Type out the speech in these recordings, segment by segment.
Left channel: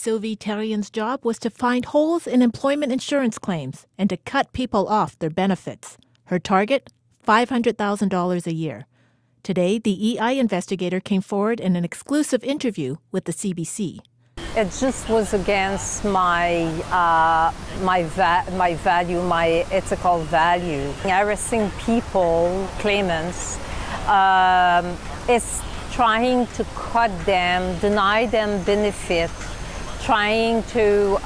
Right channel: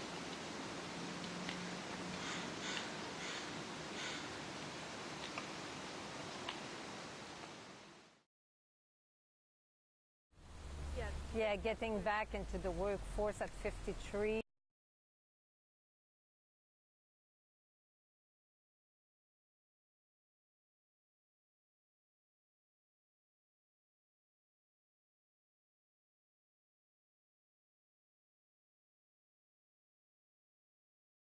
Sylvie Terrien's job was to find holes in employment insurance claims and to cut people off their benefits. Her target? $500,000 a year. Today, the EI investigator came forward in an exclusive interview with the CBC. It just was against my value, my ethical value. Harassing people, claimants, is trying to cut them, deny them benefit, trying to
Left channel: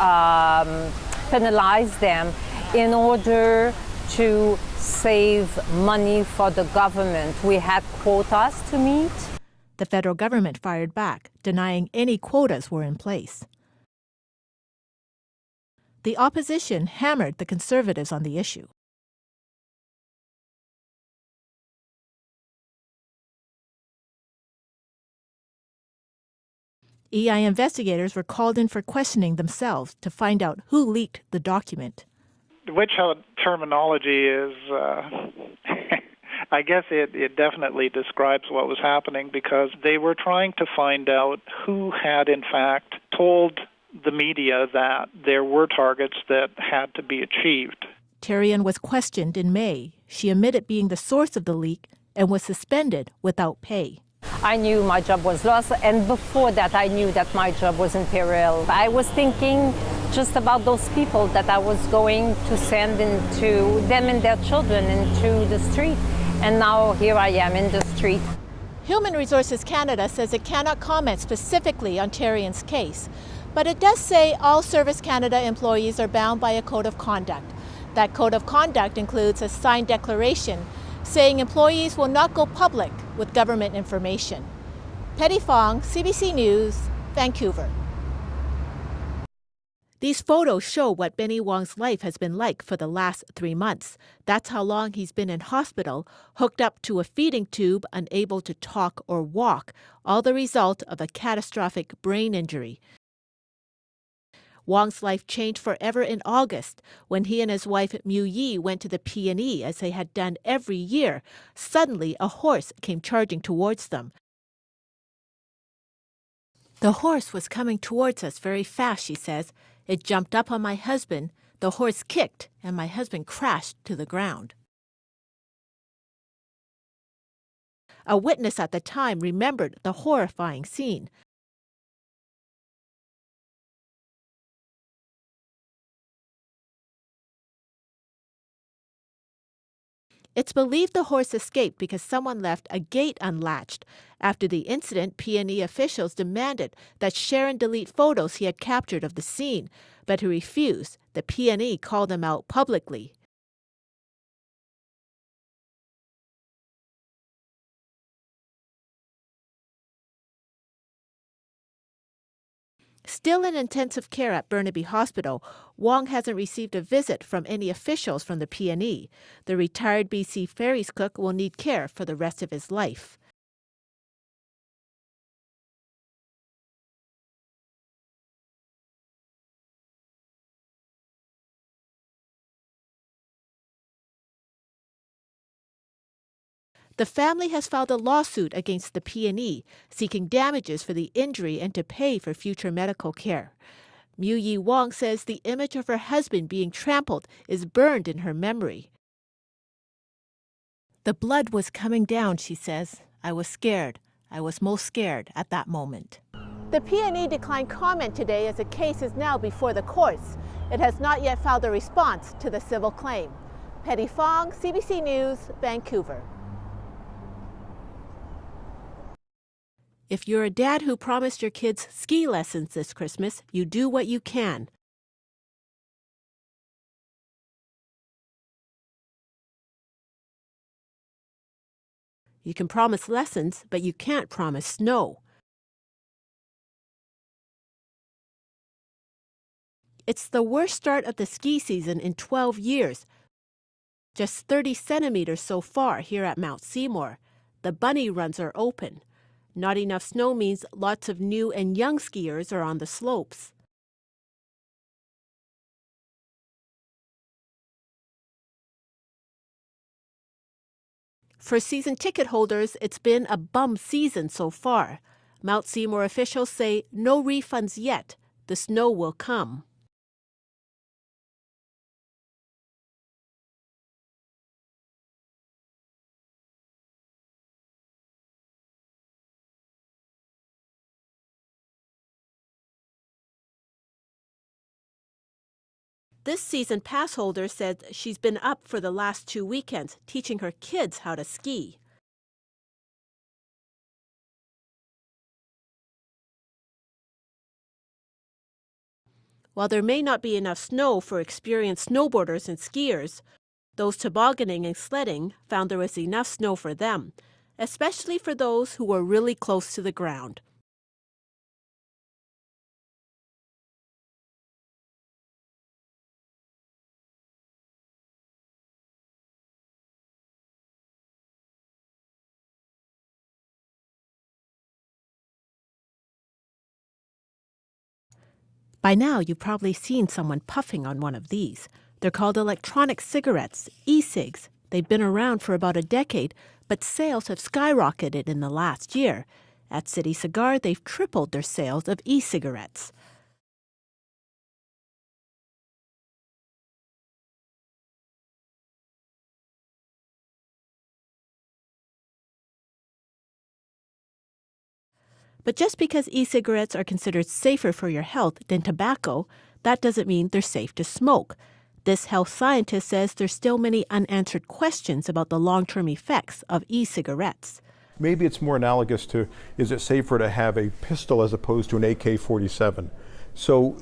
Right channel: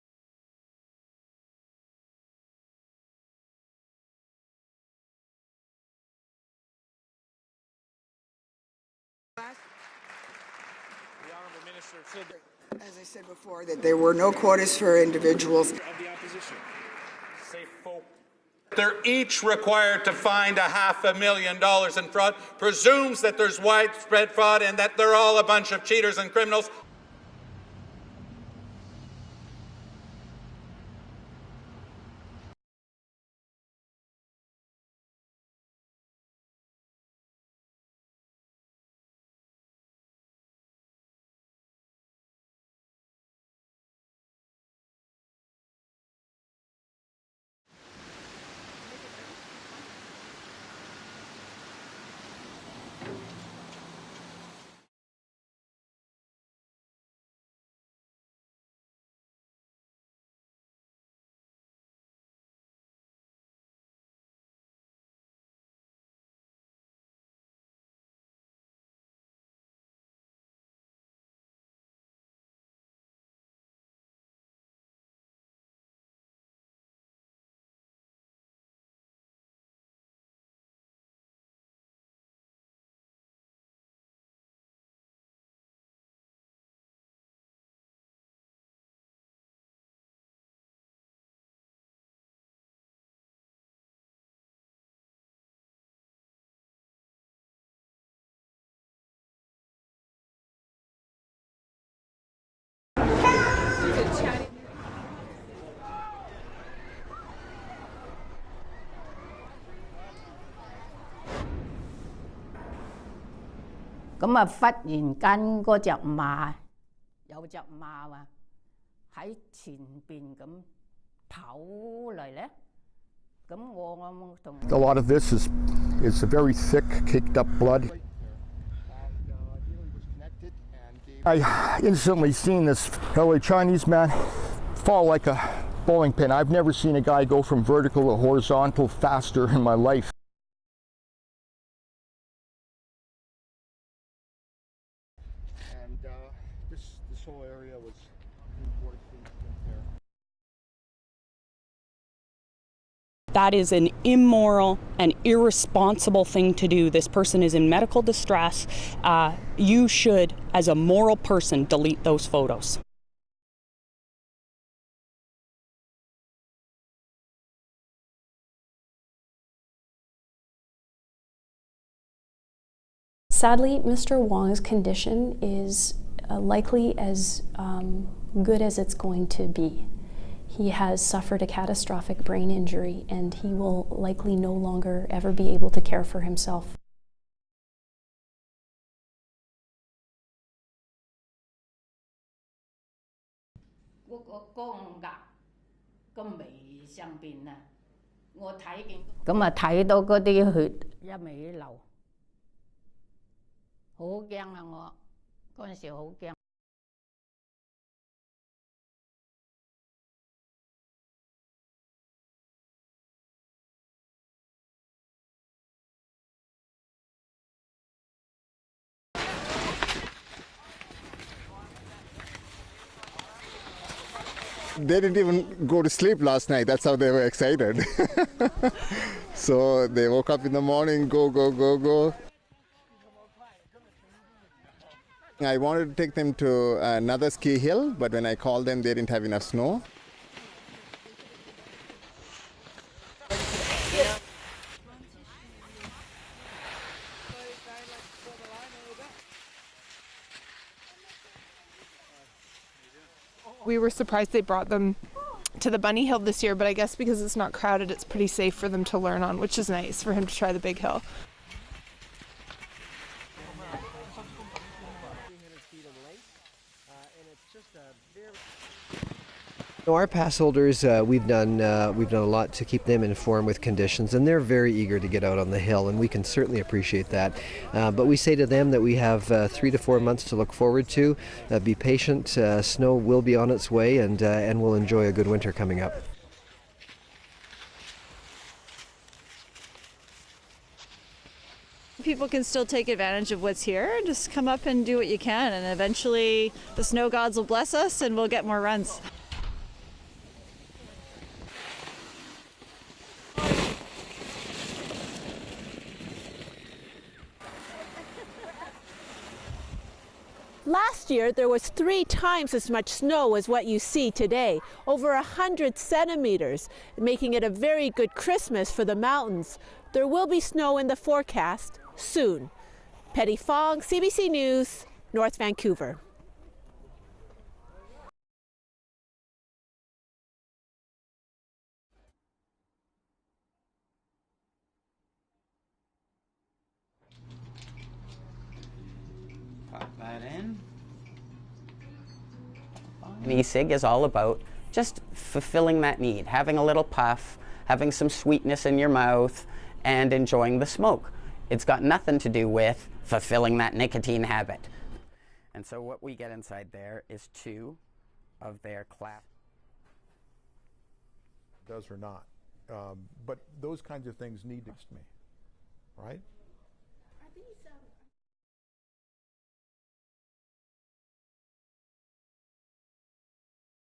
penalize them in order to save money for the government. We had quotas to meet. The federal government fired back, denying any quotas were in place. There were no quotas for individuals. The opposition hammered the Conservatives on the issue. They're each required to find $500,000 in fraud, presumes that there's widespread fraud and that they're all a bunch of cheaters and criminals. EI investigators were called in for questioning themselves to find out who leaked the document. Witch hunt terminology is, I guess it definitely describes what was happening, because they were trying to find out who had in fact told the media that there were targets that had to be achieved. Terrien was questioned in May. She admitted being the source of the leak and was suspended without pay. I knew my job was lost, and before that I knew that my job was in peril. I was thinking just about those people that I was going to send into them and their children into the street. And now here I am in the street. Human Resources Canada says it cannot comment specifically on Terrien's case, but it does say all Service Canada employees are bound by a code of conduct. That code of conduct includes a signed declaration saying employees will not go public with government information. Petty Fong, CBC News, Vancouver. These photos show what Benny Wong's life has been like for the last 3 months. That's how long he's been in hospital, hooked up to a feeding tube, unable to talk or walk, all the result of a catastrophic brain injury. Wong's life changed forever in August when he and his wife Mu Yi went to the P&E as they had done every year. Suddenly, a horse came charging towards them. The horse was coming towards us very fast, she says. It jumped up on my husband, the horse kicked, and my husband crashed to the ground. A lot of this is a very thick, caked up blood. A witness at the time remembered the horrifying scene. I instantly seen this LA Chinese man fall like a bowling pin. I've never seen a guy go from vertical to horizontal faster in my life. It's believed the horse escaped because someone left a gate unlatched. After the incident, P&E officials demanded that Sharon delete photos he had captured of the scene, but he refused. The P&E called him out publicly. That is an immoral and irresponsible thing to do. This person is in medical distress. You should, as a moral person, delete those photos. Still in intensive care at Burnaby Hospital, Wong hasn't received a visit from any officials from the P&E. The retired BC Ferries cook will need care for the rest of his life. Sadly, Mr. Wong's condition is likely as good as it's going to be. He has suffered a catastrophic brain injury, and he will likely no longer ever be able to care for himself. The family has filed a lawsuit against the P&E, seeking damages for the injury and to pay for future medical care. Mu Yi Wong says the image of her husband being trampled is burned in her memory. The blood was coming down, she says. I was scared. I was most scared at that moment. The P&E declined comment today as the case is now before the courts. It has not yet filed a response to the civil claim. Petty Fong, CBC News, Vancouver. If you're a dad who promised your kids ski lessons this Christmas, you do what you can. They didn't even go to sleep last night. That's how they were excited. So they woke up in the morning, go. You can promise lessons, but you can't promise snow. I wanted to take them to another ski hill, but when I called them, they didn't have enough snow. It's the worst start of the ski season in 12 years. Just 30 centimeters so far here at Mount Seymour. The bunny runs are open. Not enough snow means lots of new and young skiers are on the slopes. We were surprised they brought them to the bunny hill this year, but I guess because it's not crowded, it's pretty safe for them to learn on, which is nice for him to try the big hill. For season ticket holders, it's been a bum season so far. Mount Seymour officials say no refunds yet, the snow will come. Our pass holders, we've done a lot to keep them informed with conditions, and they're very eager to get out on the hill, and we can certainly appreciate that. But we say to them that we have 3 to 4 months to look forward to. Be patient. Snow will be on its way, and we'll enjoy a good winter coming up. This season pass holder said she's been up for the last 2 weekends, teaching her kids how to ski. People can still take advantage of what's here. Just come up and do what you can, and eventually the snow gods will bless us and we'll get more runs. While there may not be enough snow for experienced snowboarders and skiers, those tobogganing and sledding found there was enough snow for them, especially for those who were really close to the ground. Last year, there was 3 times as much snow as what you see today, over 100 centimeters, making it a very good Christmas for the mountains. There will be snow in the forecast soon. Petty Fong, CBC News, North Vancouver. By now, you've probably seen someone puffing on one of these. They're called electronic cigarettes, e-cigs. They've been around for about a decade, but sales have skyrocketed in the last year. At City Cigar, they've tripled their sales of e-cigarettes. An e-cig is all about just fulfilling that need, having a little puff, having some sweetness in your mouth, and enjoying the smoke. It's got nothing to do with fulfilling that nicotine habit. But just because e-cigarettes are considered safer for your health than tobacco, that doesn't mean they're safe to smoke. This health scientist says there's still many unanswered questions about the long-term effects of e-cigarettes. Maybe it's more analogous to, is it safer to have a pistol as opposed to an AK-47? So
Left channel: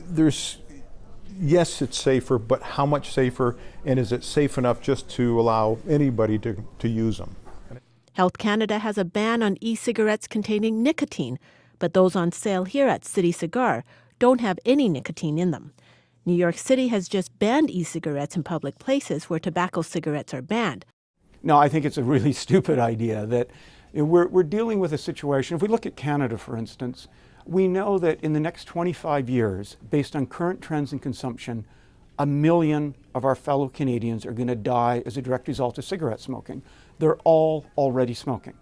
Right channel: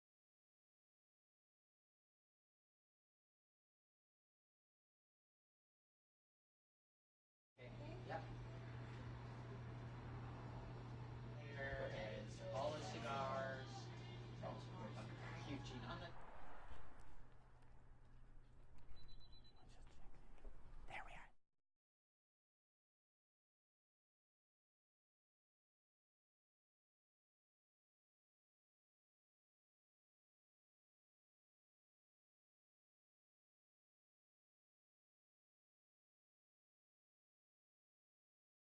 yes, it's safer, but how much safer, and is it safe enough just to allow anybody to use them? Health Canada has a ban on e-cigarettes containing nicotine, but those on sale here at City Cigar don't have any nicotine in them. New York City has just banned e-cigarettes in public places where tobacco cigarettes are banned. No, I think it's a really stupid idea that we're dealing with a situation. If we look at Canada, for instance, we know that in the next 25 years, based on current trends in consumption, 1 million of our fellow Canadians are going to die as a direct result of cigarette smoking. They're all already smoking.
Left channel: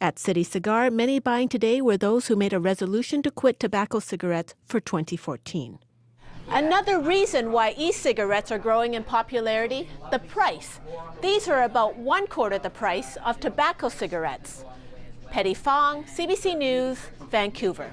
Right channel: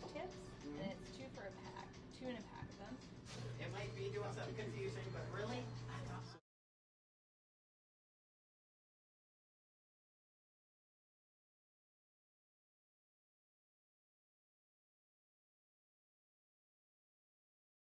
At City Cigar, many buying today were those who made a resolution to quit tobacco cigarettes for 2014. Another reason why e-cigarettes are growing in popularity, the price. These are about 1/4 the price of tobacco cigarettes. Petty Fong, CBC News, Vancouver.